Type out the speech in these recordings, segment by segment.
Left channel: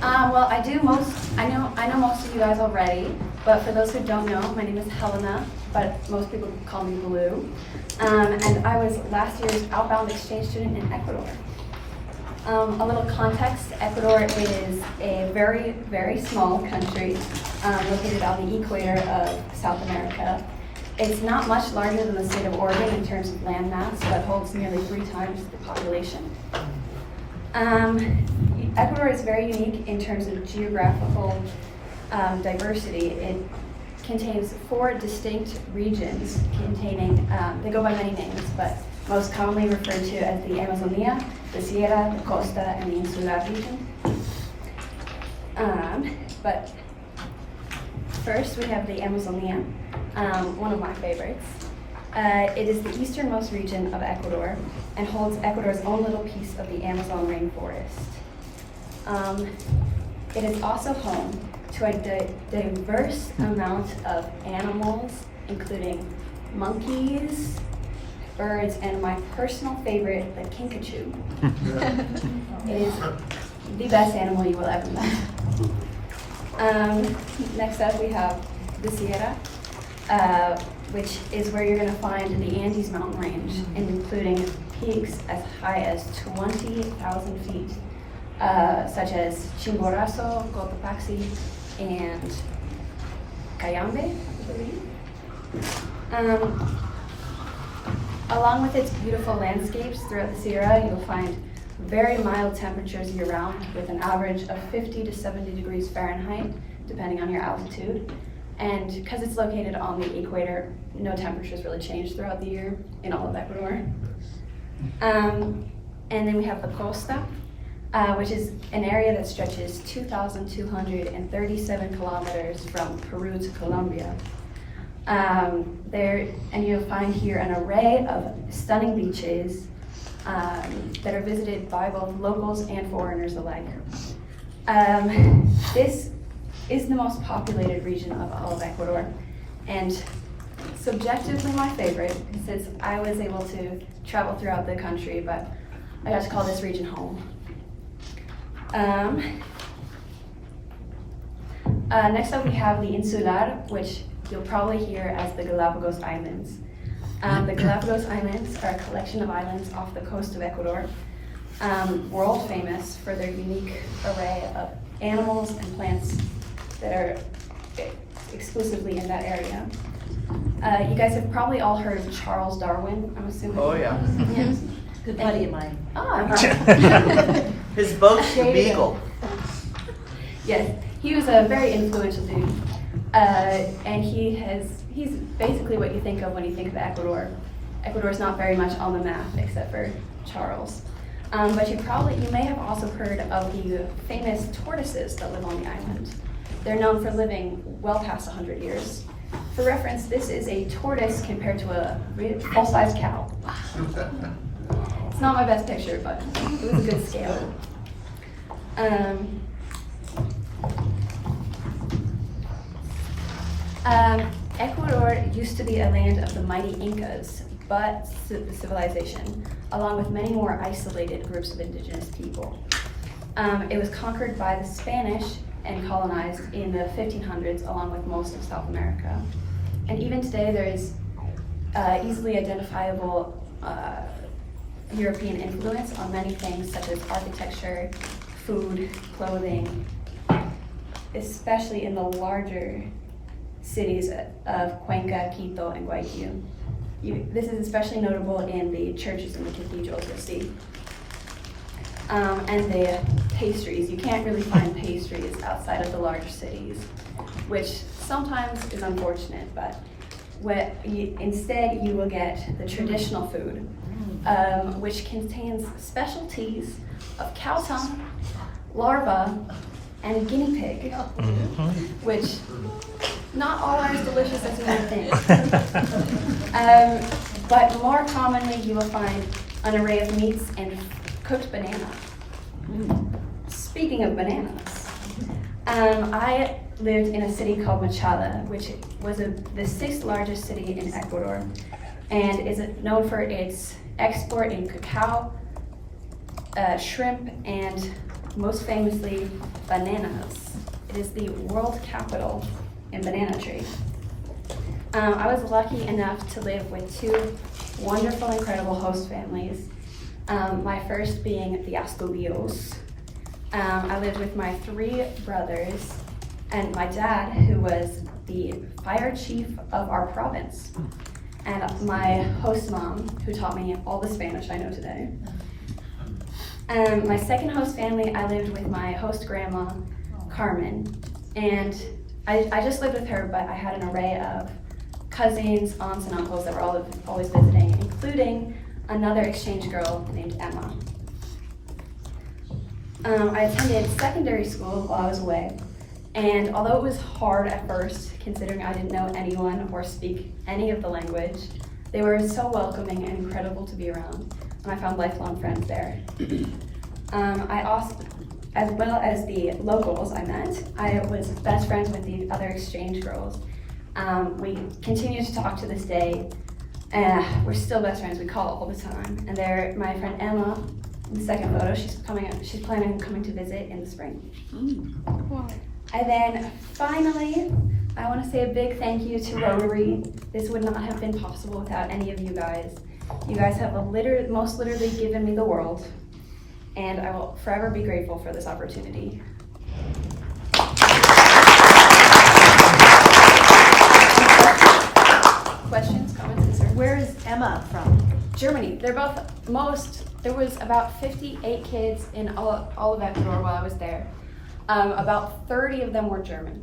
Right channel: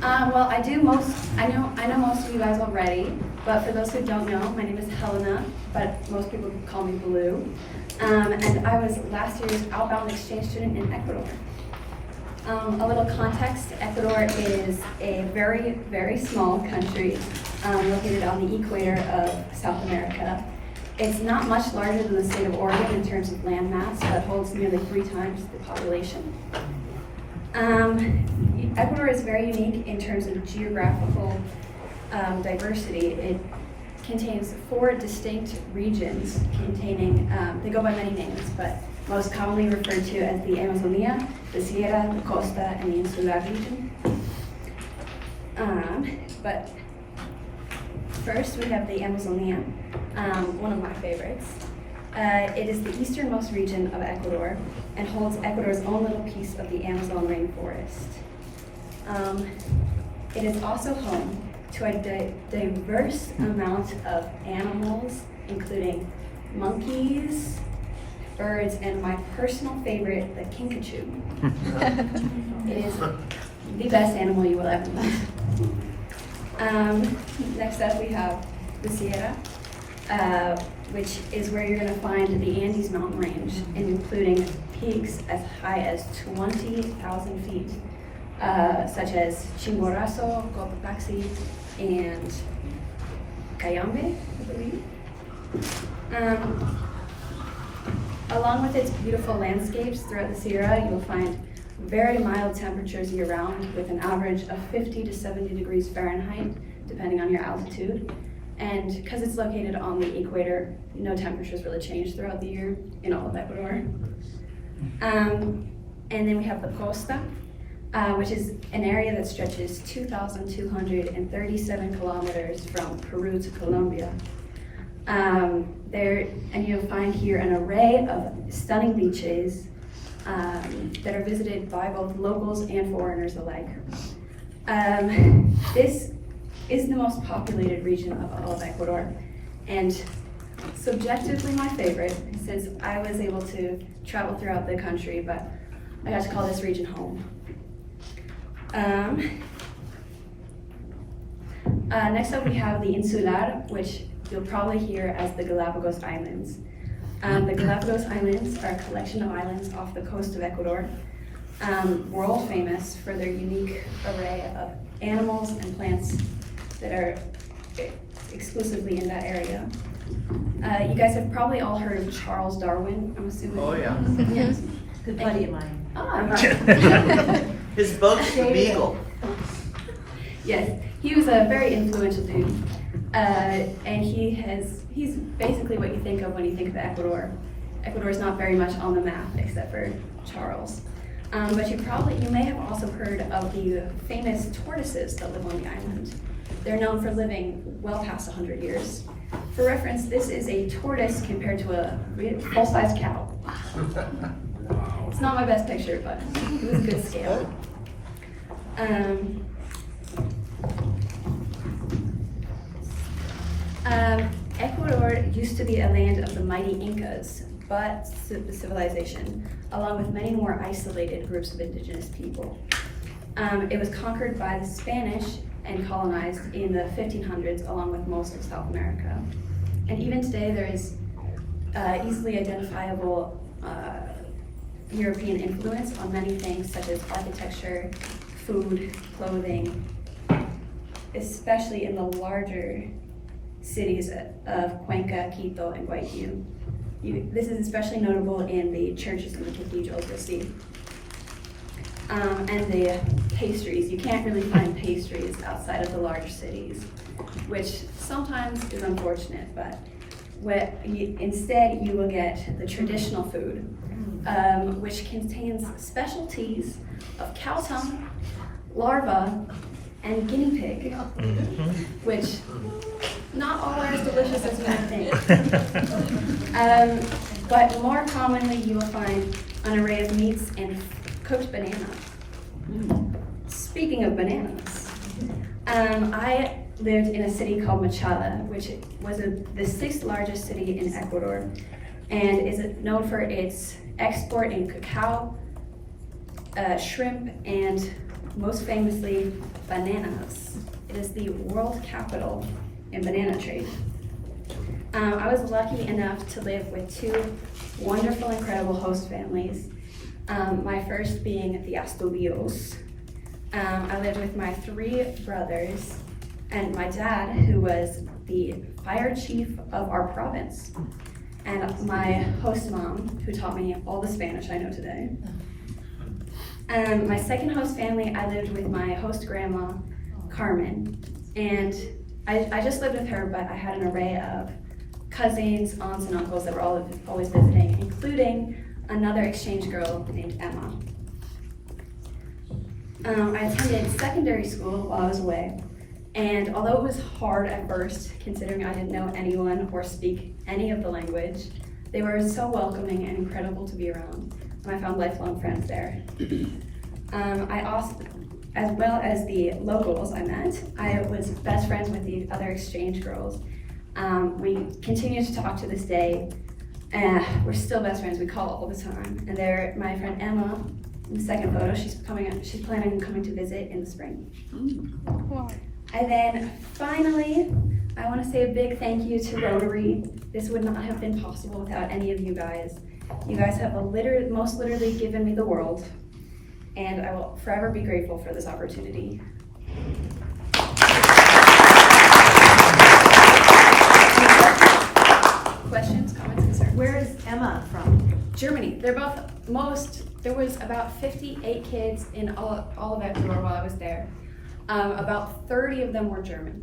Well, I know most of you guys already, but for those who don't know, my name is Helena, but most people call me Blue. And I was last year's outbound exchange student in Ecuador. A little context, Ecuador is a very, very small country located on the equator of South America. It's not much larger than the state of Oregon in terms of land mass, but holds nearly 3 times the population. Ecuador is very unique in terms of geographical diversity. It contains 4 distinct regions containing, they go by many names, but most commonly referred to as the Amazonia, the Sierra, the Costa, and the Insular region. But first we have the Amazonia, one of my favorites. It is the easternmost region of Ecuador and holds Ecuador's own little piece of the Amazon rainforest. It is also home to a diverse amount of animals, including monkeys, birds, and my personal favorite, the kinkajou. It is the best animal you will ever meet. Next up, we have the Sierra, which is where you're going to find the Andes mountain range, including peaks as high as 20,000 feet, such as Chimborazo, Cotopaxi, and Cayambe, I believe. Along with its beautiful landscapes throughout the Sierra, you'll find very mild temperatures year-round with an average of 50 to 70 degrees Fahrenheit, depending on your altitude. And because it's located on the equator, no temperatures really change throughout the year in all of Ecuador. And then we have the Costa, which is an area that stretches 2,237 kilometers from Peru to Colombia. And you'll find here an array of stunning beaches that are visited by both locals and foreigners alike. This is the most populated region of all of Ecuador, and subjectively my favorite, since I was able to travel throughout the country, but I got to call this region home. Next up we have the Insular, which you'll probably hear as the Galapagos Islands. The Galapagos Islands are a collection of islands off the coast of Ecuador, world famous for their unique array of animals and plants that are exclusively in that area. You guys have probably all heard of Charles Darwin, I'm assuming. Oh, yeah. Yes. Good buddy of mine. Oh, His boat's the Beagle. yes, he was a very influential dude. And he's basically what you think of when you think of Ecuador. Ecuador's not very much on the map except for Charles. But you may have also heard of the famous tortoises that live on the island. They're known for living well past 100 years. For reference, this is a tortoise compared to a full-size cow. It's not my best picture, but it was a good scale. Ecuador used to be a land of the mighty Incas, but civilization, along with many more isolated groups of indigenous people. It was conquered by the Spanish and colonized in the 1500s, along with most of South America. And even today, there is easily identifiable European influence on many things such as architecture, food, clothing, especially in the larger cities of Cuenca, Quito, and Guayaquil. This is especially notable in the churches and the cathedrals you'll see. And the pastries. You can't really find pastries outside of the larger cities, which sometimes is unfortunate, but instead you will get the traditional food, which contains specialties of cow tongue, larva, and guinea pig, which not all are as delicious as you might think. But more commonly you will find an array of meats and cooked banana. Speaking of bananas, I lived in a city called Machala, which was the 6th largest city in Ecuador, and is known for its export in cacao, shrimp, and most famously bananas. It is the world capital in banana trade. I was lucky enough to live with two wonderful, incredible host families. My first being the Astudillos. I lived with my three brothers and my dad, who was the fire chief of our province, and my host mom, who taught me all the Spanish I know today. My second host family, I lived with my host grandma, Carmen, and I just lived with her, but I had an array of cousins, aunts, and uncles that were always visiting, including another exchange girl named Emma. I attended secondary school while I was away, and although it was hard at first, considering I didn't know anyone or speak any of the language, they were so welcoming and incredible to be around, and I found lifelong friends there. I also, as well as the locals I met, I was best friends with the other exchange girls. We continue to talk to this day. We're still best friends. We call all the time. And they're my friend Emma. In the second photo, she's planning on coming to visit in the spring. And then finally, I want to say a big thank you to Rotary. This would not have been possible without any of you guys. You guys have most literally given me the world, and I will forever be grateful for this opportunity. Questions, comments, concerns? Where is Emma from? Germany. There was about 58 kids in all of Ecuador while I was there. About 30 of them were German.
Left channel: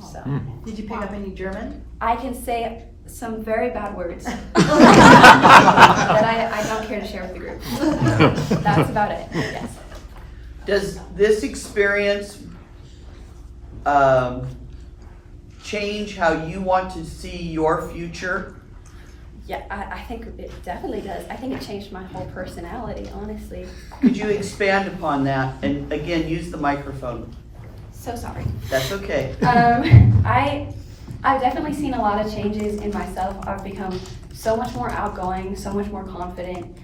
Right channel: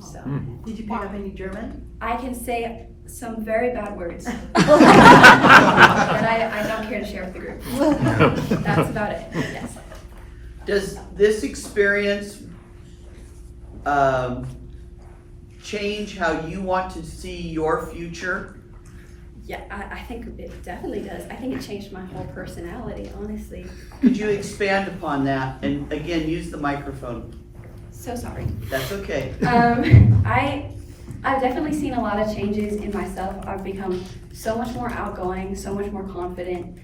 So Did you pick up any German? I can say some very bad words that I don't care to share with the group. That's about it, yes. Does this experience change how you want to see your future? Yeah, I think it definitely does. I think it changed my whole personality, honestly. Could you expand upon that? And again, use the microphone. So sorry. That's okay. I've definitely seen a lot of changes in myself. I've become so much more outgoing, so much more confident,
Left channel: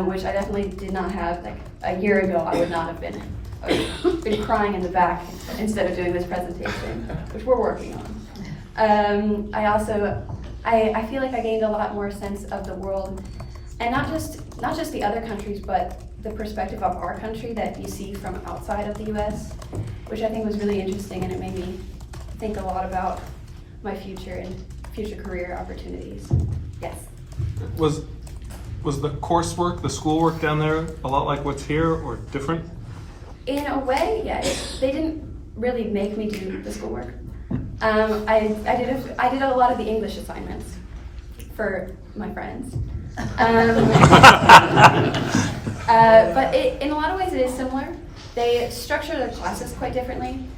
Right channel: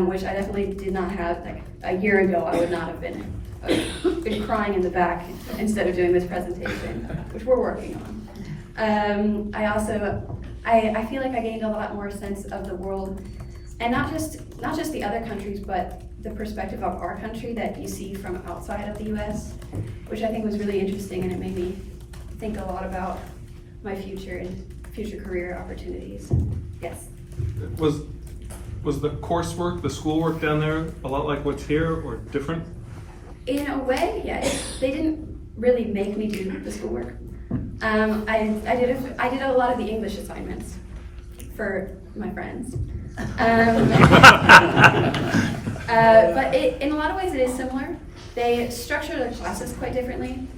which I definitely did not have. Like a year ago, I would not have been. I would have been crying in the back instead of doing this presentation, which we're working on. I feel like I gained a lot more sense of the world, and not just the other countries, but the perspective of our country that you see from outside of the U.S., which I think was really interesting, and it made me think a lot about my future and future career opportunities. Yes. Was the coursework, the schoolwork down there a lot like what's here or different? In a way, yes. They didn't really make me do the schoolwork. I did a lot of the English assignments for my friends. But in a lot of ways it is similar. They structure their classes quite differently.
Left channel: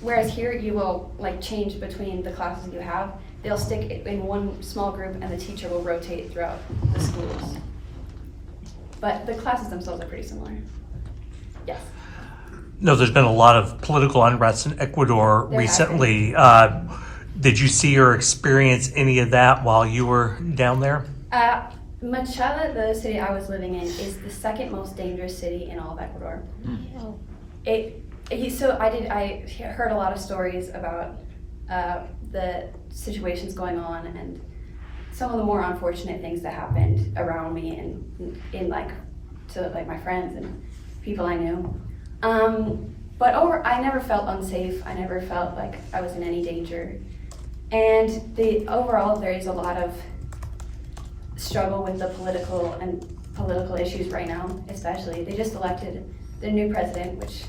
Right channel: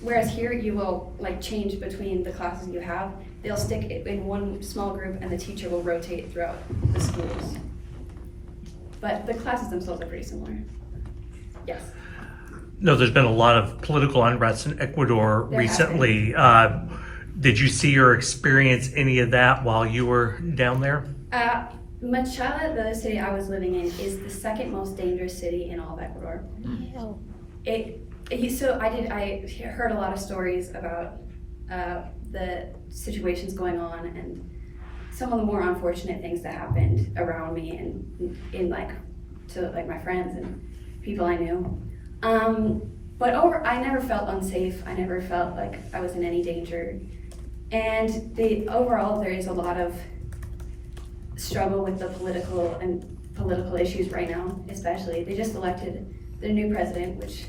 Whereas here you will change between the classes you have. They'll stick it in one small group and the teacher will rotate throughout the schools. But the classes themselves are pretty similar. Yes. No, there's been a lot of political unrest in Ecuador recently. Did you see or experience any of that while you were down there? Machala, the city I was living in, is the second most dangerous city in all of Ecuador. I heard a lot of stories about the situations going on and some of the more unfortunate things that happened around me and to my friends and people I knew. But I never felt unsafe. I never felt like I was in any danger. And overall, there is a lot of struggle with the political issues right now, especially. They just elected their new president, which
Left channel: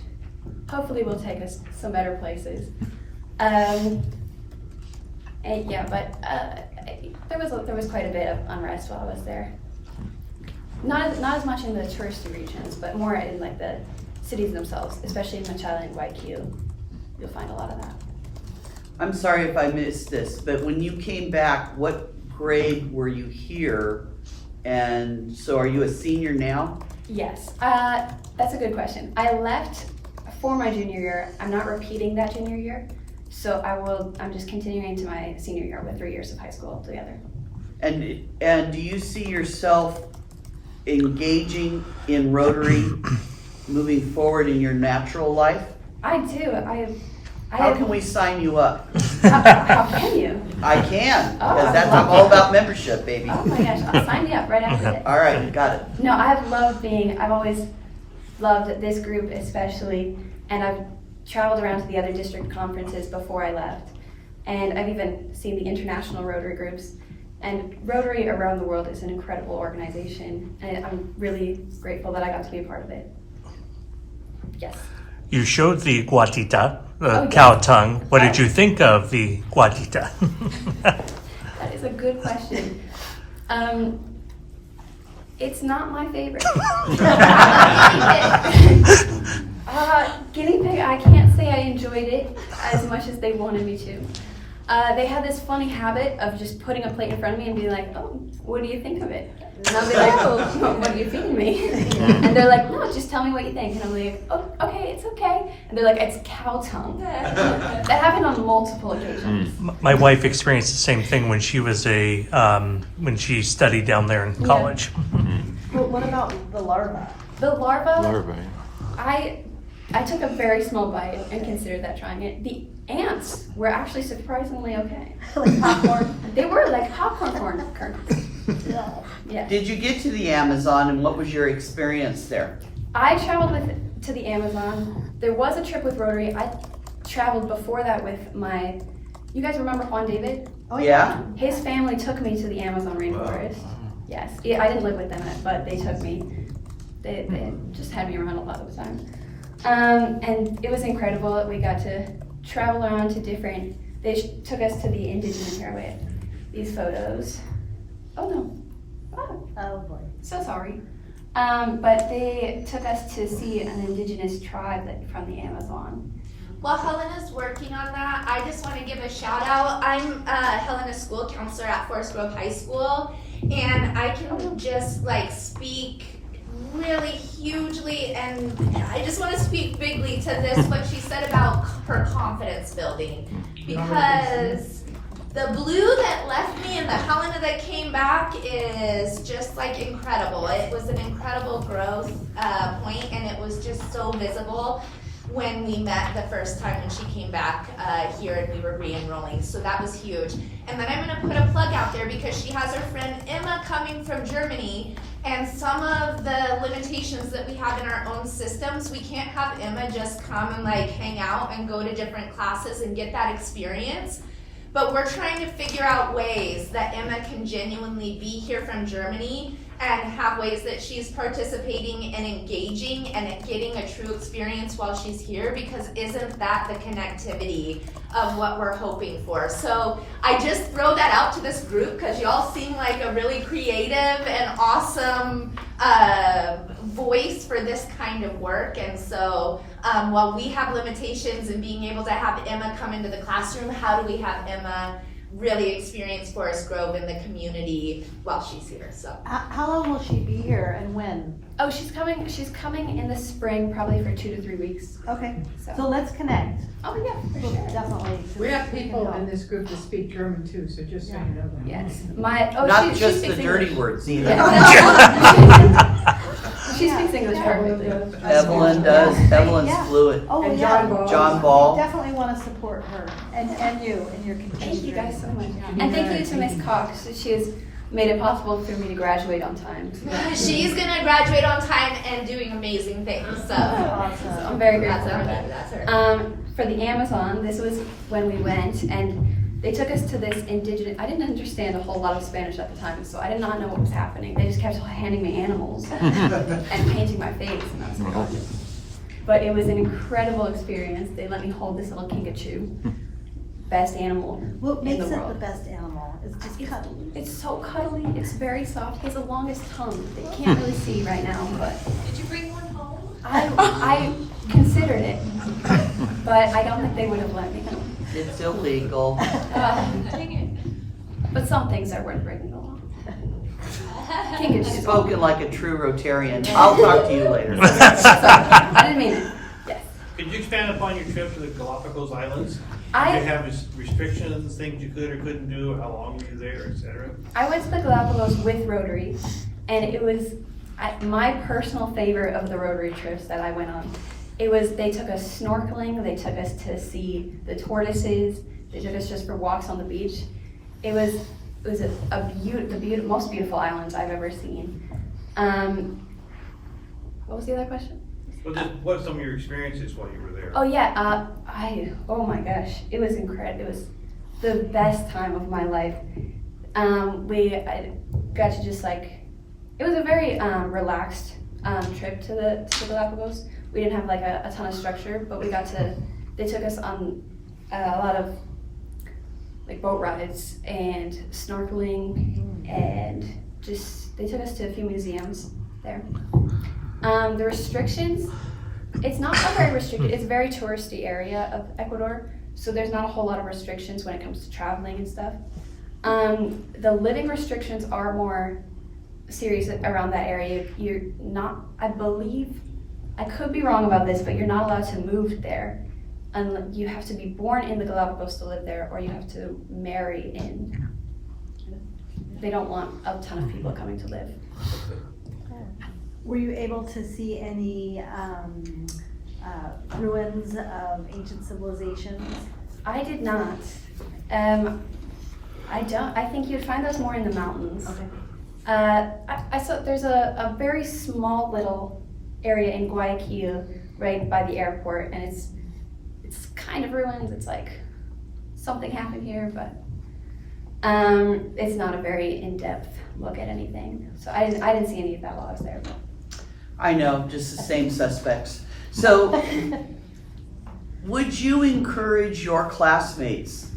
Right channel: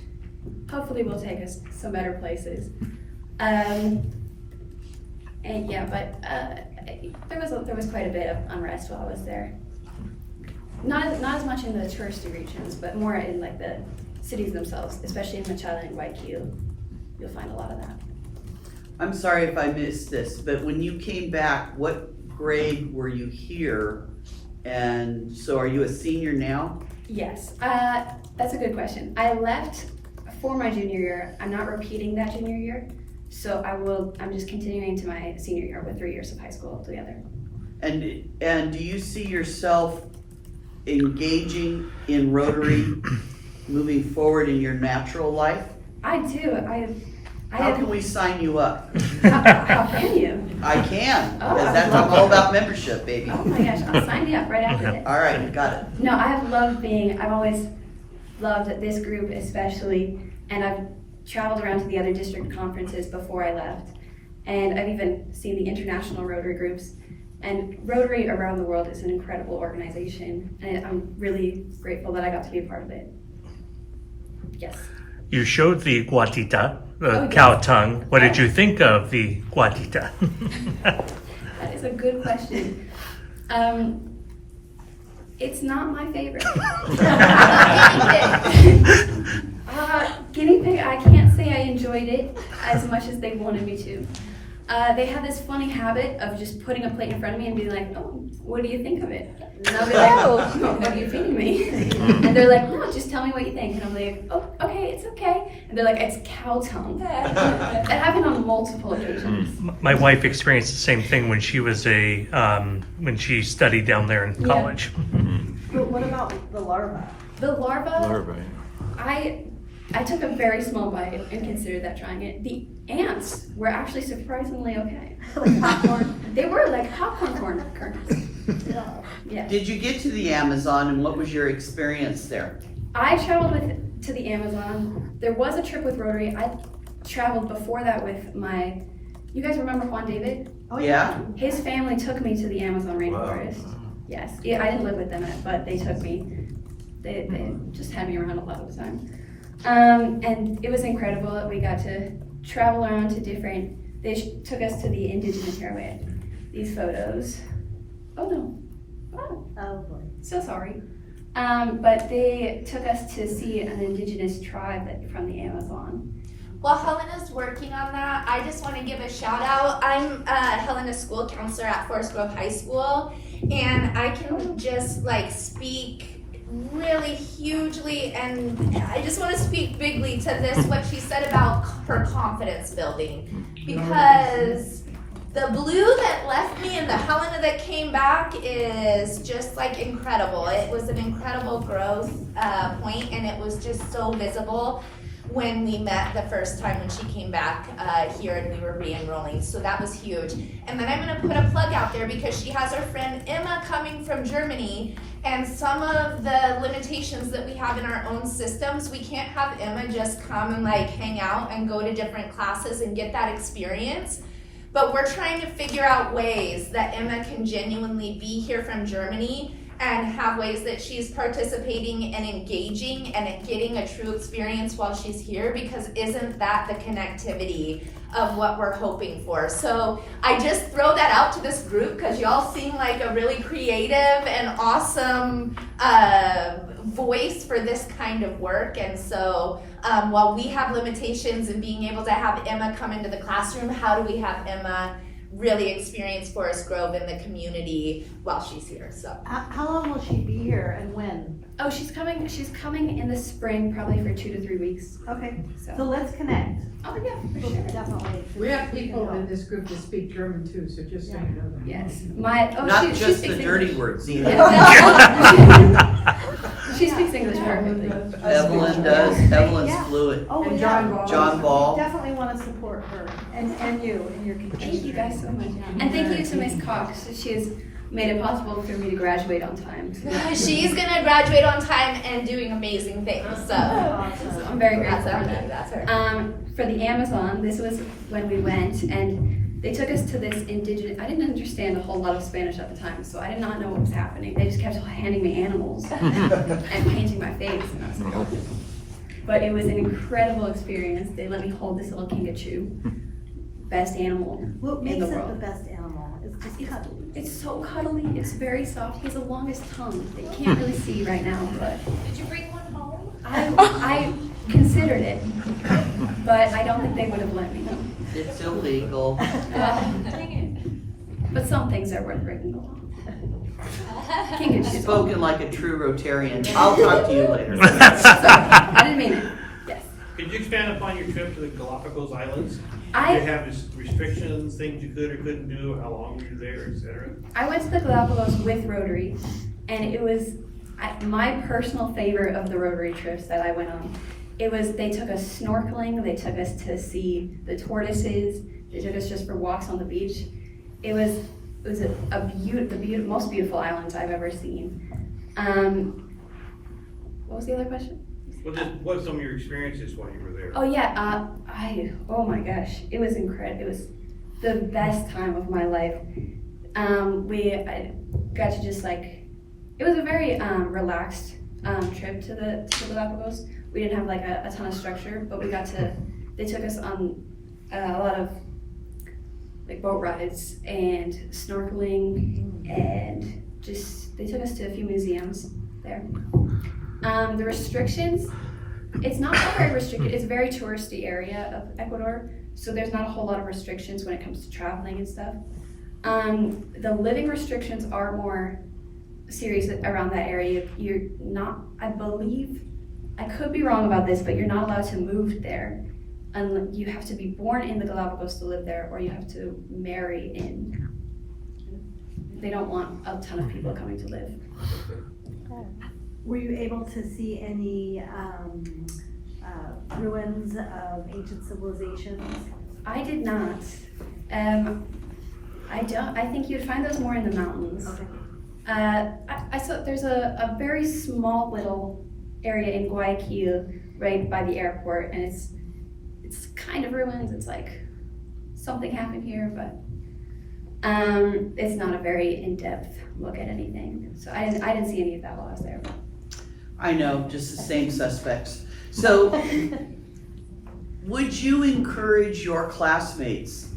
hopefully will take us some better places. There was quite a bit of unrest while I was there. Not as much in the touristy regions, but more in the cities themselves, especially in Machala and Guayaquil. You'll find a lot of that. I'm sorry if I missed this, but when you came back, what grade were you here? And so are you a senior now? Yes, that's a good question. I left for my junior year. I'm not repeating that junior year, so I'm just continuing to my senior year with 3 years of high school together. And do you see yourself engaging in Rotary moving forward in your natural life? I do. I How have. can we sign you up? How can you? I can, Oh, because I'd that's love all it. about membership, baby. Oh my gosh, sign me up right after this. All right, got it. No, I've always loved this group especially, and I've traveled around to the other district conferences before I left. And I've even seen the international Rotary groups. And Rotary around the world is an incredible organization, and I'm really grateful that I got to be a part of it. Yes. You showed the guatita, the Oh, cow yes. tongue. What did Oh. you think of the guatita? That is a good question. It's not my favorite. Guinea pig, I can't say I enjoyed it as much as they wanted me to. They had this funny habit of just putting a plate in front of me and being like, oh, what do you think of it? And I'll be like, oh, what are you feeding me? And they're like, no, just tell me what you think. And I'm like, oh, okay, it's okay. And they're like, it's cow tongue. That happened on multiple occasions. My wife experienced the same thing when she was when she studied down there in college. Well, what about the larva? The larva, I took a very small bite and considered that trying it. The ants were actually surprisingly okay. Like popcorn? They were like popcorn kernels. Yes. Did you get to the Amazon and what was your experience there? I traveled to the Amazon. There was a trip with Rotary. I traveled before that with you guys remember Juan David? Oh, Yeah? His family took me to the Amazon rainforest. Yes. Yeah, I didn't live with them, but they took me. They just had me around a lot of the time. And it was incredible. We got to travel around to they took us to the indigenous area with these photos. Oh no. Oh, Oh, boy. so sorry. But they took us to see an indigenous tribe from the Amazon. While Helena's working on that, I just want to give a shout out. I'm Helena's school counselor at Forest Grove High School, and I can just speak really hugely, and I just want to speak bigly to this, what she said about her confidence building, because the blue that left me and the Helena that came back is just incredible. It was an incredible growth point, and it was just so visible when we met the first time when she came back here and we were re-enrolling. So that was huge. And then I'm going to put a plug out there because she has her friend Emma coming from Germany, and some of the limitations that we have in our own systems, we can't have Emma just come and hang out and go to different classes and get that experience. But we're trying to figure out ways that Emma can genuinely be here from Germany and have ways that she's participating and engaging and getting a true experience while she's here, because isn't that the connectivity of what we're hoping for? So I just throw that out to this group because y'all seem like a really creative and awesome voice for this kind of work. And so while we have limitations in being able to have Emma come into the classroom, how do we have Emma really experience Forest Grove in the community while she's here? So How long will she be here and when? Oh, she's coming in the spring, probably for 2 to 3 weeks. Okay, so So, let's connect. oh yeah, for sure. Definitely. We have people in this group that speak German too, so just so you know. Yes. Not She just speaks the English. dirty words either. Yeah. She speaks English perfectly. Evelyn does, Evelyn's Yeah. fluent. Oh, And yeah. John Ball. John Ball. Definitely want to support her and you and your community. Thank you guys so much. And thank you to Miss Cox. She has made it possible for me to graduate on time. So she's gonna graduate on time and doing amazing things. So Awesome. I'm very that's grateful for her. that. That's her. For the Amazon, this was when we went, and they took us to this indigenous. I didn't understand a whole lot of Spanish at the time, so I did not know what was happening. They just kept handing me animals and painting my face, and I was like, oh. But it was an incredible experience. They let me hold this little kinkajou, best animal What in makes the it the world. best animal? It's just cuddly. It's so cuddly. It's very soft. He has the longest tongue that you can't really see right now, but Did you bring one home? I considered it, but I don't think they would have let me know. It's illegal. But some things are worth bringing along. Kinkajou. Spoken like a true Rotarian. I'll talk to you later. Sorry, I didn't mean it. Yes. Could you expand upon your trip to the Galapagos Islands? Did you I have restrictions, things you could or couldn't do, how long were you there, et cetera? went to the Galapagos with Rotary, and it was My personal favorite of the Rotary trips that I went on, they took us snorkeling, they took us to see the tortoises, they took us just for walks on the beach. It was the most beautiful islands I've ever seen. What was the other question? What are some of your experiences while you were there? Oh yeah, oh my gosh, it was incredible. It was the best time of my life. I got to just it was a very relaxed trip to the Galapagos. We didn't have like a ton of structure, but they took us on a lot of like boat rides and snorkeling, and they took us to a few museums there. The restrictions, it's not very restricted. It's a very touristy area of Ecuador, so there's not a whole lot of restrictions when it comes to traveling and stuff. The living restrictions are more serious around that area. You're not, I believe, I could be wrong about this, but you're not allowed to move there. You have to be born in the Galapagos to live there, or you have to marry in. They don't want a ton of people coming to live. Were you able to see any ruins of ancient civilizations? I did not. I think you'd find those more in the mountains. Okay. I saw there's a very small little area in Guayaquil right by the airport, and it's kind of ruins. It's like something happened here, but it's not a very in-depth look at anything. So I didn't see any of that while I was there. I know, just the same suspects. So, would you encourage your classmates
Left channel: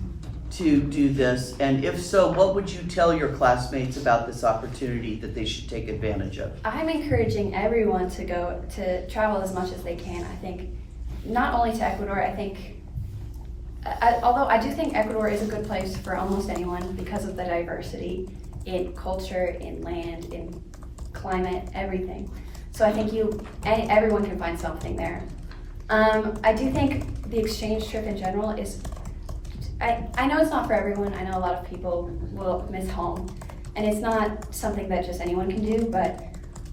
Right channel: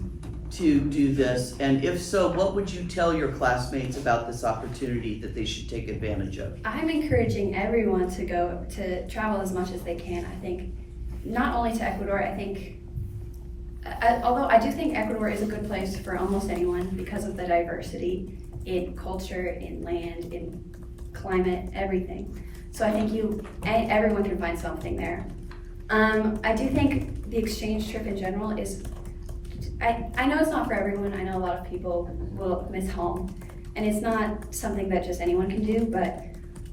to do this? And if so, what would you tell your classmates about this opportunity that they should take advantage of? I'm encouraging everyone to travel as much as they can. I think not only to Ecuador, although I do think Ecuador is a good place for almost anyone because of the diversity in culture, in land, in climate, everything. So I think everyone can find something there. I do think the exchange trip in general is, I know it's not for everyone. I know a lot of people will miss home, and it's not something that just anyone can do, but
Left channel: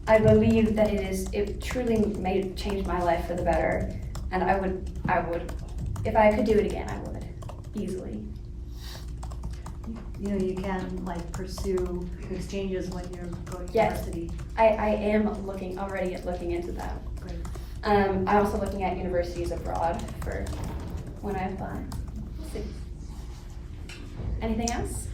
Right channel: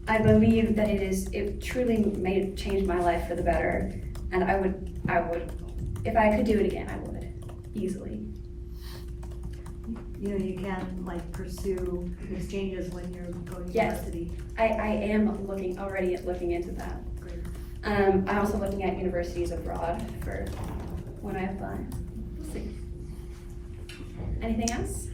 I believe that it truly may change my life for the better, and I would, if I could do it again, I would, easily. You know, you can like pursue exchanges when you're going to Yes. university. I am already looking into that. Great. I'm also looking at universities abroad for when I apply. We'll see. Anything else?